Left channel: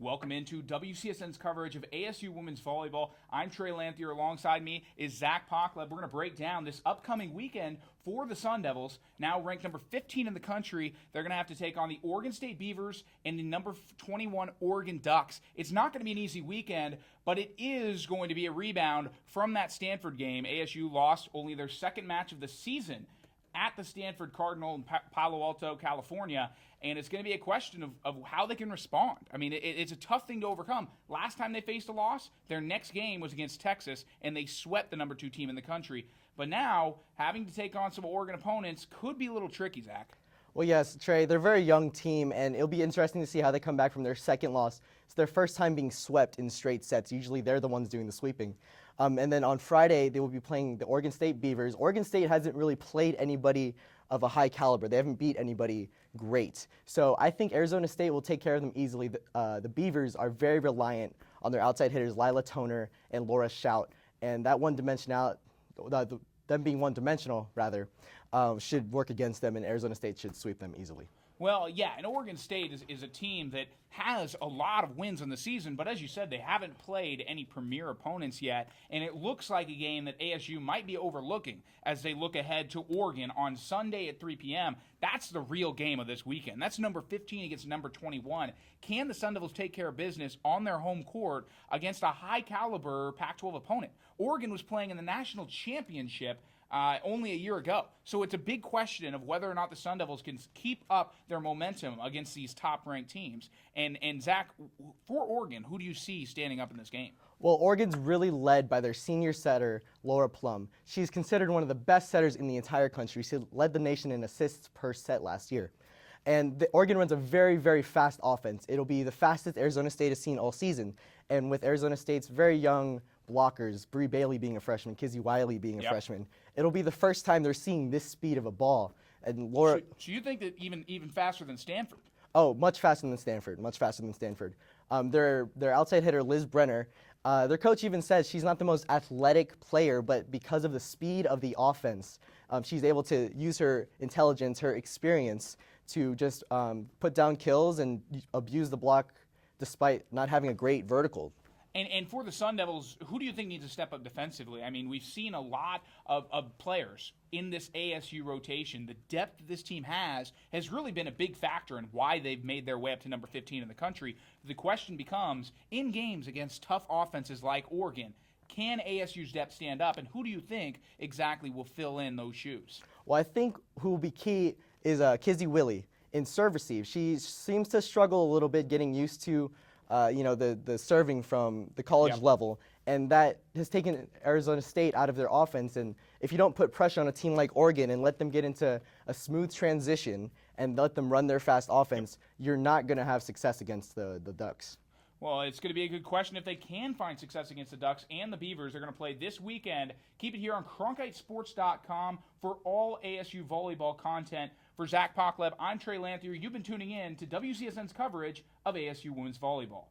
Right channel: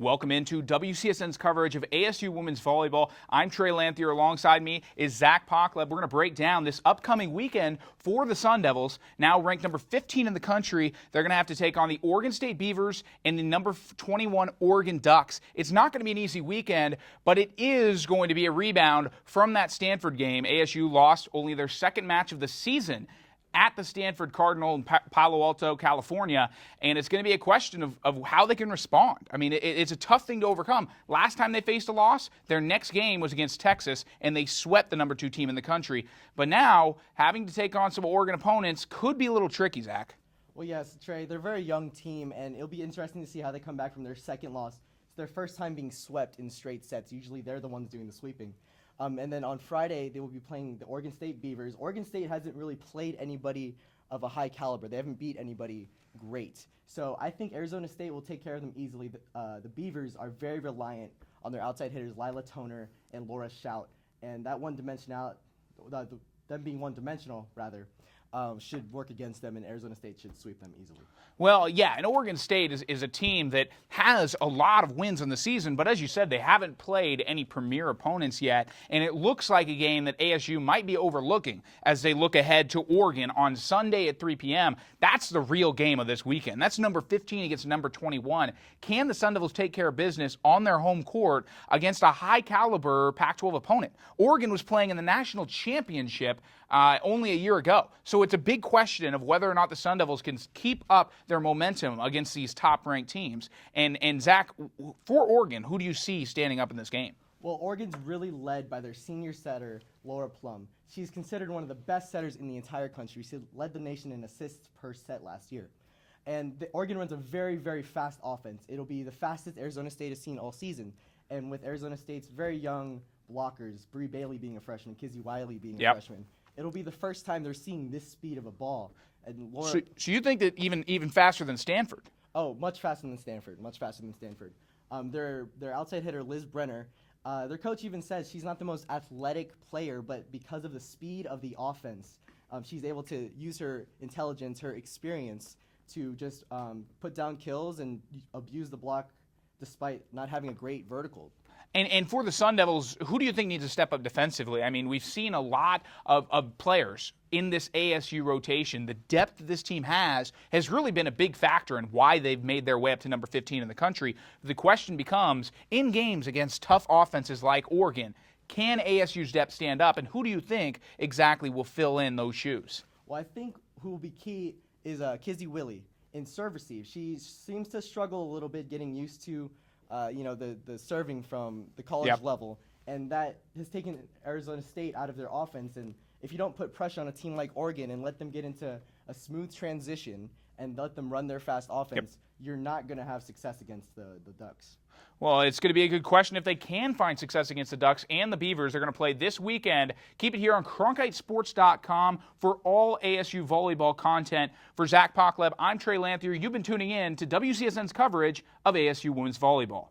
Welcome into WCSN's coverage of ASU women's volleyball. I'm Trey Lanthier. Alongside me is Zach Pacleb. We're going to break down this upcoming weekend for the Sun Devils. Now ranked number 15 in the country, they're going to have to take on the Oregon State Beavers and the number 21 Oregon Ducks. It's not going to be an easy weekend, but it is going to be a rebound from that Stanford game. ASU lost only their second match of the season at the Stanford Cardinal in Palo Alto, California, and it's going to be a question of how they can respond. I mean, it's a tough thing to overcome. Last time they faced a loss, their next game was against Texas, and they swept the number 2 team in the country. But now, having to take on some Oregon opponents could be a little tricky, Zach. Well, yes, Trey, they're a very young team, and it'll be interesting to see how they come back from their second loss. It's their first time being swept in straight sets. Usually they're the ones doing the sweeping. And then on Friday, they will be playing the Oregon State Beavers. Oregon State hasn't really played anybody of a high caliber. They haven't beat anybody great. So I think Arizona State will take care of them easily. The Beavers are very reliant on their outside hitters, Lila Toner and Laura Shout. And that them being one-dimensional, should work against them, and Arizona State should sweep them easily. Well, yeah, and Oregon State is a team that has a lot of wins in the season, but as you said, they haven't played any premier opponents yet, and it looks like a game that ASU might be overlooking as they look ahead to Oregon on Sunday at 3 p.m. That's the real game of this weekend. That's number 15 against number 21. Can the Sun Devils take care of business on their home court against a high-caliber Pac-12 opponent? Oregon was playing in the national championship only a year ago. So it's a big question of whether or not the Sun Devils can keep up their momentum against these top-ranked teams. And Zach, for Oregon, who do you see standing up in this game? Well, Oregon's really led by their senior setter, Laura Plum. She's considered one of the best setters in the entire country. She led the nation in assists per set last year. And Oregon runs a very, very fast offense. It'll be the fastest Arizona State has seen all season. And with Arizona State's very young blockers, Bree Bailey being a freshman, Kizzy Wiley being a freshman, it'll be the first time they're seeing this speed of a ball. And Laura, so you think that even faster than Stanford? Oh, much faster than Stanford. Much faster than Stanford. Their outside hitter, Liz Brenner, their coach even says she's not the most athletic player, but because of the speed of the offense, she's able to use her intelligence, her experience to just put down kills and abuse the block despite not having a great vertical. And for the Sun Devils, who do you think needs to step up defensively? I mean, we've seen a lot of players in this ASU rotation. The depth this team has really been a big factor in why they've made their way up to number 15 in the country. The question becomes, in games against tough offenses like Oregon, can ASU's depth stand up, and who do you think exactly will fill in those shoes? Well, I think who will be key is Kizzy Wiley in serve receive. She seems to struggle a little bit getting used to the serving from the college level, and that has taken Arizona State out of their offense. And if you don't put pressure on a team like Oregon and let them get into a smooth transition and let them run their fast offense, you're not going to have success against the Ducks. Well, it's going to be a good question if they can find success against the Ducks and the Beavers. They're going to play this weekend. Keep it here on CronkiteSports.com for all ASU volleyball content. For Zach Pacleb, I'm Trey Lanthier. You've been tuning in to WCSN's coverage of ASU women's volleyball.